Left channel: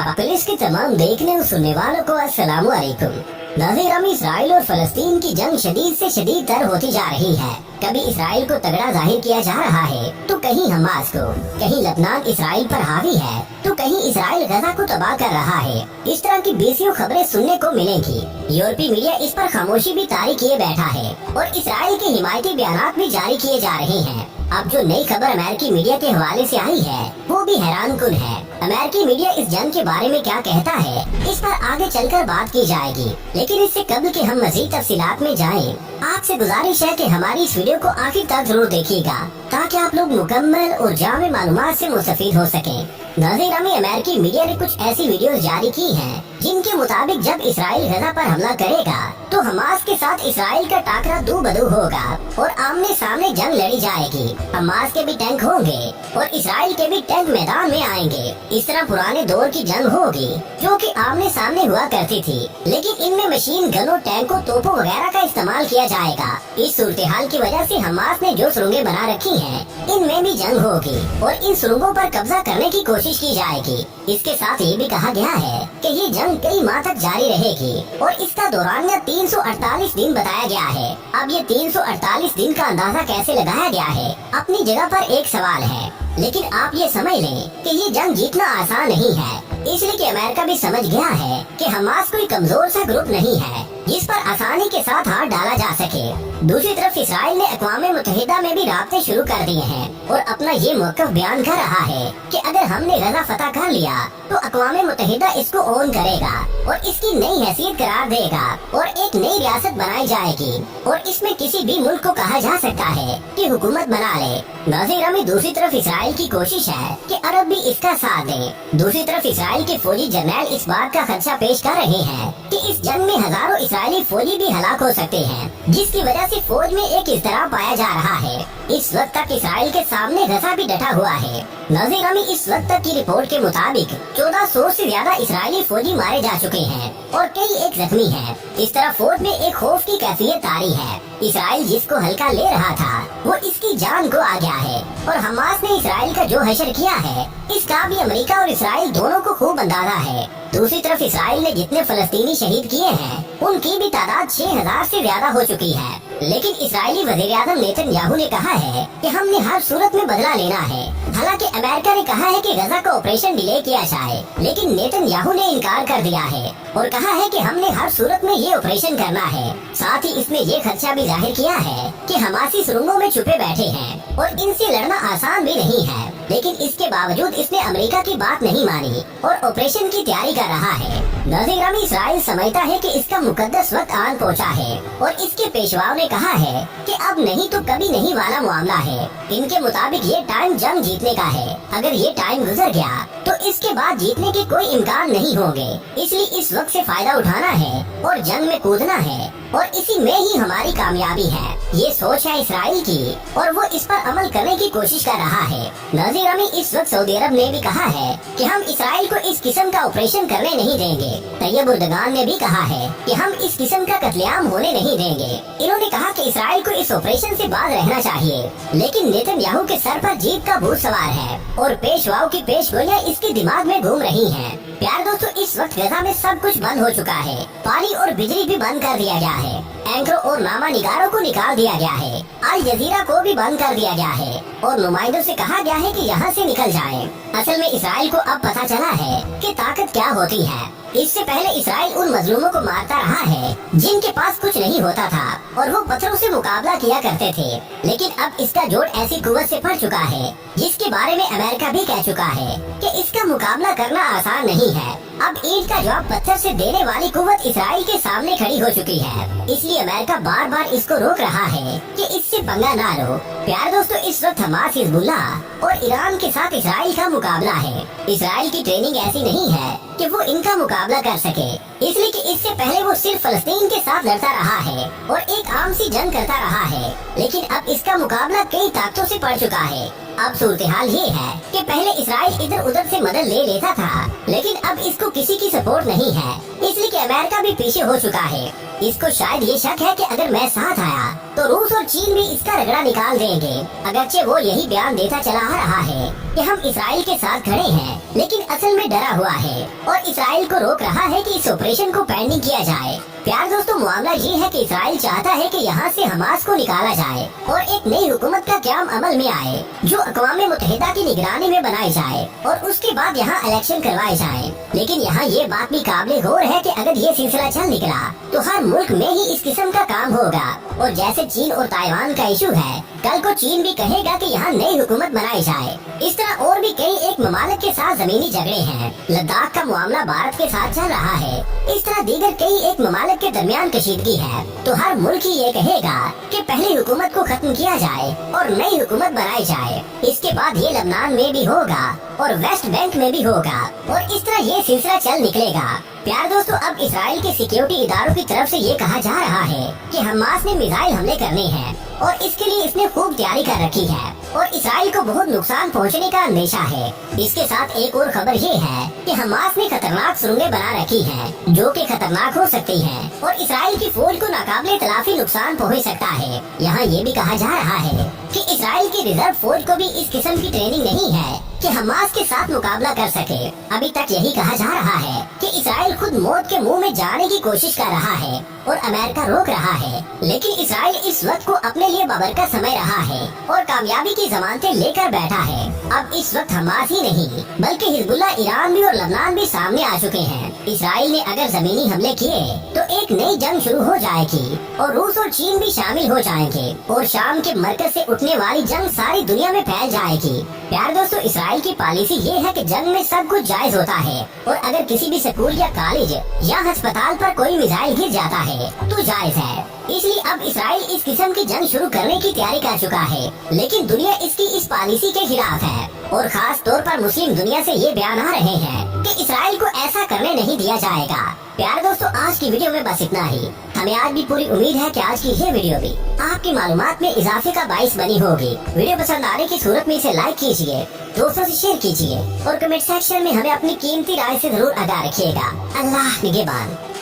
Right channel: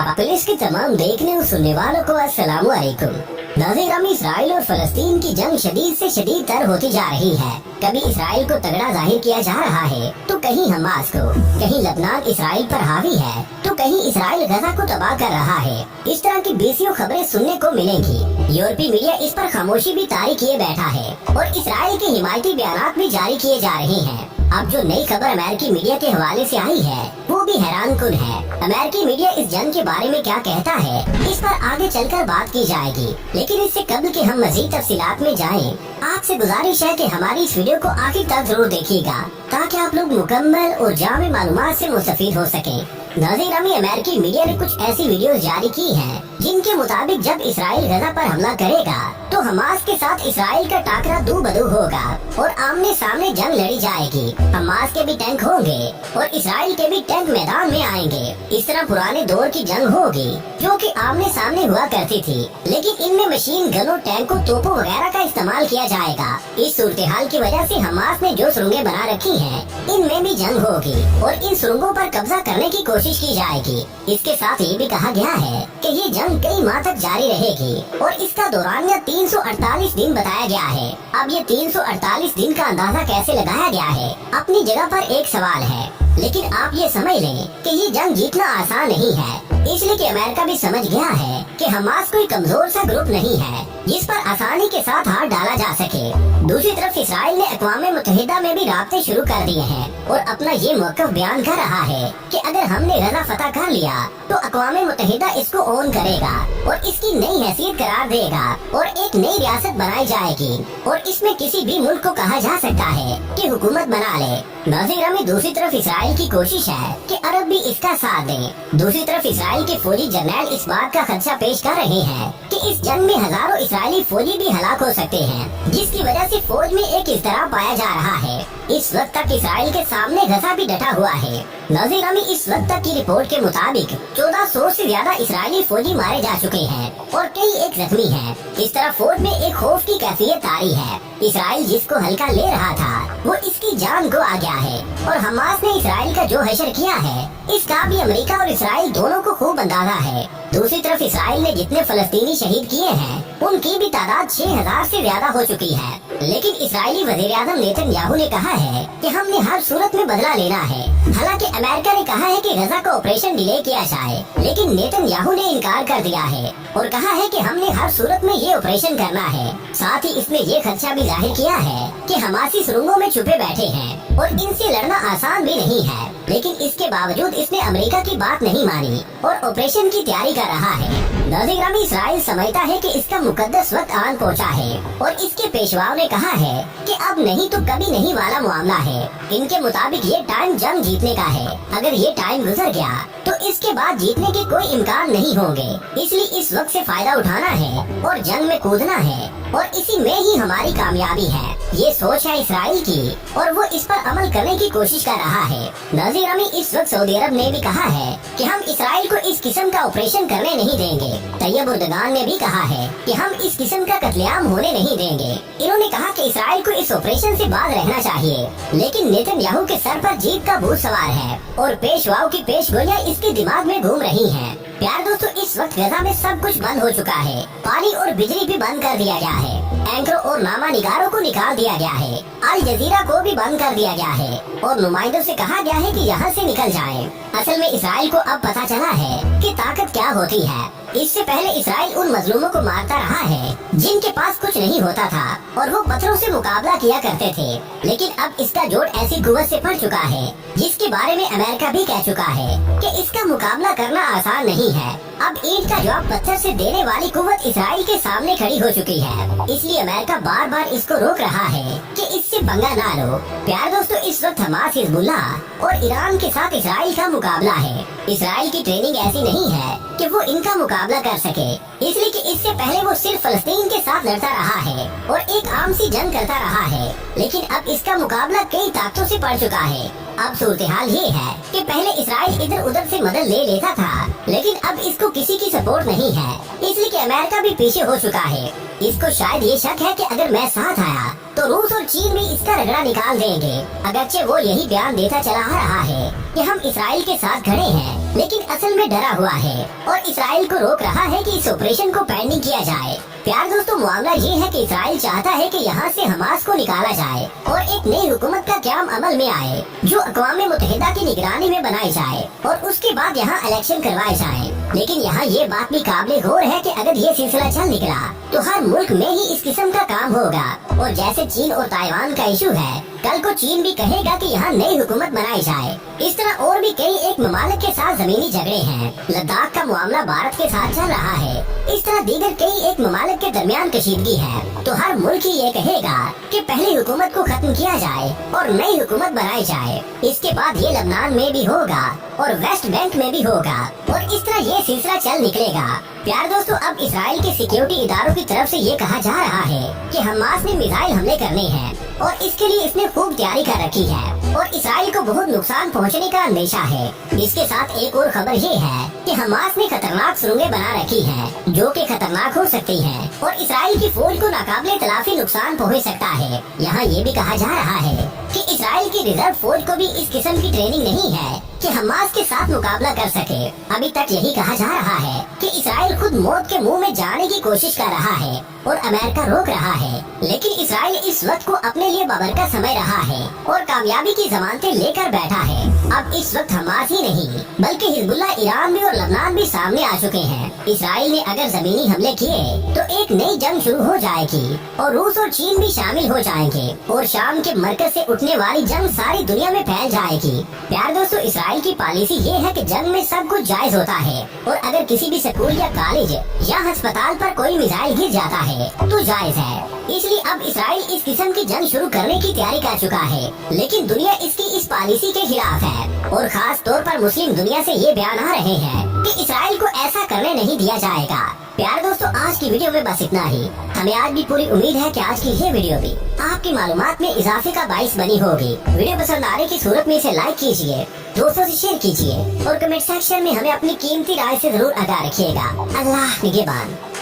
Police के तमाम देखने और सुनने वालों को अस्सलाम वालेकुम। नाज़रीन, इसराइल और फलस्तीन की जंग शदीद से शदीद तर होती जा रही है। कभी इसराइल को तगड़ा जाहिर किया जा रहा है तो कहीं हमास को, कहीं लबनान इसराइल पर हावी है तो कहीं इसराइल गजा को तबाह कर रहा है। इस तरह की बेसियों खबरें सुनने को मिलेंगी। यूरोपीय मीडिया इस पर खामोशी भी तारी किए बैठा है और इसराइल के हिमायती बयानात भी जारी किए जा रहे हैं। अब जो नई खबर अमेरिकी मीडिया के हवाले से आई है वो भी हैरान कुन है। अमेरिकी मीडिया इस जंग के बारे में क्या कहता है, इस पर आगे चलकर बात की जाएगी। लेकिन इससे कबल के हम मजीद तफसीलात में जाएं, आपसे गुजारिश है कि हमारी इस वीडियो को आखिर तक जरूर देखिएगा ताकि आप लोग मुकम्मल और जामे मालूमात से मुस्तफीद हो सकें। नाज़रीन, अमेरिकी मीडिया ने कुछ ऐसी वीडियोस जारी की हैं जिनके मुताबिक जब इसराइल गजा पर हमला करेगा तो हमास के साथ इसराइल का टाकरा दो बदू होगा और आमने सामने जंग लड़ी जाएगी। हमास के भी टैंक होंगे और इसराइल के भी टैंक मैदान में आएंगे। इस तरह पुराने दौर की जंग होगी जो कि आमने सामने हुआ करती थी, लेकिन इनमें मशीन गनों, टैंकों, तोपों वगैरह का इस्तेमाल किया जाएगा। इस सूरत हाल की वजह से हमास ने जो सुरंगें बना रखी हैं इनमें भी जंग होगी और इन सुरंगों पर कब्जा करने की कोशिश की जाएगी। इसके साथ ये भी कहा गया है कि ये जंग कई माह तक जारी रहेगी और इसका दौरानिया 348 दिन बताया गया है। अब ये 348 दिन का अंदाजा कैसे लगाया गया है, अपनी जगह पर एक सवाल है, लेकिन आप ये समझ लें कि ये जंग जीतना आसान नहीं है, इसलिए कि अमेरिका भी समझ गया है कि हमास कोई कमजोर सा ग्रुप नहीं है जिस पर आसानी के साथ हाथ डाला जा सके। दूसरी तरफ इसराइल ने अक़वाम मुत्तहिदा में भी राब्ते शुरू कर दिए हैं और अपना ये मौक़िफ़ बयान कर रहा है कि अगर हमने गजा फतह कर लिया तो अक़वाम मुत्तहिदा इसको ओन करेगा और इसकी नई हैसियत करार देगा और एक नई रियासत बनाई जाएगी और इसमें किसी भी मुल्क को कहा जा सकता है कि हुकूमत बना ले। नाज़रीन, दूसरी तरफ इसराइल की कोशिश है कि अरब भी इसका साथ दें। दूसरी तरफ इसराइल के फौजी जर्नैल इस बात का खदशा पेश कर रहे हैं कि इस जंग में हजारों इसराइली फौजी भी हलाक हो सकते हैं, जिसकी वजह से फौज में एक इज़्तिराब पाया जा रहा है। इस वक्त तक इसराइल के सामने गजा भी डटा हुआ है। नाज़रीन, इस वक्त तक की रिपोर्ट के मुताबिक 1400 से ज्यादा इसराइली फौजी मारे जा चुके हैं और कई एक जख्मी हैं। इस तरह फौज में एक खौफ की कैफियत तारी है। इसराइल जिसको हल्का ले रहा था वो इसकी जान को आ गया है और हमास ने इसराइल का जो हशर किया है इसका भी अमेरिका और इसराइल दोनों को खूब अंदाजा है। दूसरी तरफ इसराइल ने जितने फलस्तीनी शहीद किए हैं उनकी भी तादाद 6000 से ज्यादा हो चुकी है। लेकिन इसराइली वजीर आज़म नेतन्याहू ने कहा है कि हमने हर सूरत में बदला लेना है। हालांकि अमेरिका ने कहा है कि गजा का ऑपरेशन डिले किया जाए, लेकिन नेतन्याहू ने इनकार कर दिया है और कहा है कि हमने हर सूरत में ये ऑपरेशन करना है। साथ ही इसने ये खदशा भी जाहिर किया है कि हमासी सुरंगों में छुपे बैठे हैं और इनसे लड़ना आसान भी नहीं है। लेकिन इसके बावजूद इसने अमेरिका की बात नहीं मानी और ऑपरेशन की तैयारी कर रहा है। नाज़रीन, इसराइल समझता है कि इसका मुकद्दस वक्त आन पहुंचा है और इसके पेशवाओं ने कहा है कि अब नहीं तो कभी नहीं वाला मामला है। इनके मुताबिक ये टाइम जंग जीतने का है। अगर ये टाइम गुजर गया तो इसके बाद जीतने के कोई इम्कान नहीं होंगे, इसलिए इस वक्त से फायदा उठाना है और जंग में कूदना है और इसी में ही हमारी कामयाबी है। ये सोच है इसराइल की और वो इस पर अमल करने की कोशिश कर रहा है। नाज़रीन, इस वक्त सऊदी अरब ने भी कहा है कि हम इसराइल को इस किस्म का ऑपरेशन करने नहीं देंगे। तैयब उर्दगान ने भी कहा है कि हम इस किस्म का कत्लेआम होने नहीं देंगे। इन्होंने कहा कि इसराइल को इस ऑपरेशन से बाज रहना चाहिए, लेकिन नेतन्याहू के सर पर जीत का भूत सवार है और पेशवाओं की पेशगोइयां इसके दिमाग में घूम रही हैं। प्यार दोस्तों, इस वक्त गजा में सब कुछ बंद हो चुका है। पानी और बिजली भी बंद कर दिया गया है। एंकरों और नामा निगारों को निकाल दिया गया है। अल जजीरा को भी बंद कर दिया गया है और नुमाइंदों से कहा गया है कि यहाँ से निकल जाएं। असल में इसराइल को अब पता चला है कि ताकत क्या होती है। इससे पहले इसराइल उन मजलूमों को मारता रहा है जिनके पास कुछ नहीं होता था और वो पत्थरों से मुकाबला किया करते थे, लेकिन अब इसका जोड़ ऐसी कुव्वत से पड़ चुका है जिसके बारे में अमेरिका भी कह चुका है कि इसका मुकाबला करना आसान नहीं है। अब ईंट का जवाब पत्थर से देने वाली कुव्वत इसराइल के सामने खड़ी हो चुकी है, इसलिए अमेरिका बार बार इसको रोक रहा है कि इससे पंगा ना लो। प्यार दोस्तों, इस वक्त हमास, हिजबुल्लाह और ईरान के साथ इसराइल का मुकाबला है। इसराइल की ट्रेनिंग ऐसी नहीं है कि वो इनका मुकाबला कर सके, इसलिए कि इससे पहले वो सिर्फ फलस्तीन के साथ लड़ता रहा है और एक आम सी जंग करता रहा है, लेकिन अब इसका मुकाबला कई ताकतों से पड़ चुका है। अब सूरत हाल ये है कि पहले इसराइल इधर उधर से मदद ले लेता था, लेकिन अब इसको किसी की सपोर्ट नहीं है, इसलिए कि अमेरिका भी पीछे हो चुका है। इसको शायद ये शक है कि अगर मैं साथ आया तो रूस और चीन भी इसका रगड़ा निकाल देंगे। अगरचे वो यही बयान देता चला आ रहा है कि हम इसराइल के साथ खड़े हैं, लेकिन असल में डरा हुआ है और इसराइल को रोक रहा है कि इस ऑपरेशन को पेंडिंग किया जाए। प्यार दोस्तों, मामला ये है कि इसराइल चाहता है कि यहाँ से हमास को निकाला जाए और एक नई हुकूमत का क़याम अमल में आए जो अक़वाम मुत्तहिदा की निगरानी में बनाई जाए और उसके बाद यहाँ इलेक्शन करवाए जाए। लेकिन यहाँ ये बात भी काबिले गौर है कि अगर ये सिलसिला चल निकला तो हर मुल्क में ही इस किस्म का काम होगा। और जैसे चीन और ताइवान का इशू है, कल को चीन भी कहेगा कि यहाँ नई हुकूमत बनाई जाए। इस तरह और भी कई एक ममालिक के साथ जमीनी झगड़े हैं। लद्दाख का मामला भारत के साथ चल रहा है। इस तरह दीगर कई एक ममालिक के दरमियान कशीदगी है। तो हर मुल्क ही ये कहेगा कि पहले हुकूमत को खत्म किया जाए और नई हुकूमत बनाई जाए। इसके बाद ये लबनान में भी होगा और वेस्ट बैंक में भी होगा और इस तरह ये सिलसिला चल निकलेगा। प्यार दोस्तों, अब इसराइल के सिक्योरिटी इदारों की तरफ से ये कहा जा रहा है कि हमास ने मिसाइल हमले करने हैं और इसके लिए इसने खूब तैयारी कर रखी है और इसराइल को बहुत नुकसान पहुंचने का अंदेशा है। इसके साथ एक और खबर ये है कि हमास ने खतरनाक सुरंगें बना रखी हैं जो कि खतरनाक हो सकती हैं और इसराइल की फौज को नाकाबिले तलाफी नुकसान पहुंच सकता है। यहाँ ये भी कहा जा रहा है कि इसराइल की रिजर्व फौज को भी इस किस्म की ट्रेनिंग नहीं है कि हमास के साथ मुकाबला कर सके। अभी तक यही कहा जा रहा है कि इसराइल खुद मौत के मुंह में जाने की कोशिश कर रहा है और अमेरिका रोक रहा है, लेकिन इसराइल इस वक्त को अपने लिए बाबरकत समझ रहा है और कामयाबी की जमानतें लेकर बैठा है। अब इस वक्त हमास ही नहीं बल्कि हिजबुल्ला, ईरान भी और लबनान भी सामने आ चुके हैं। इसराइल ने अगर जमीनी हमले किए तो एक नई जंग शुरू हो जाएगी और रूस और चीन भी शामिल हो जाएंगे और शाम के मरकज से उठने वाली जंग सारी दुनिया में फैल जाएगी। प्यार दोस्तों, इसराइल की पॉलिसी ये है कि जंग में सब कुछ जायज होता है और अगर किसी भी स्कूल या कॉलेज या अस्पताल पर कोई मिसाइल गिर जाता है तो जायज है। इसलिए अब इसराइल इस किस्म की जंग शुरू करने की तैयारी कर चुका है, लेकिन दुनिया इसकी इस पॉलिसी के खिलाफ है और खास तौर पर मुस्लिम दुनिया से ये बयान आ रहे हैं कि इसराइल को ऐसा करने नहीं दिया जाएगा। प्यार दोस्तों, आज की वीडियो में बस इतना ही। हमें आज भी पूरी उम्मीद है कि आज की ये वीडियो भी आपकी मालूमात में इजाफे का बाइस बनी होगी। वीडियो पसंद आने की सूरत में इसे लाइक कीजिए, दोस्तों से शेयर कीजिए और कमेंट सेक्शन में हमें अपनी कीमती राय से जरूर आगाह रखिएगा। अल्लाह निगहबान।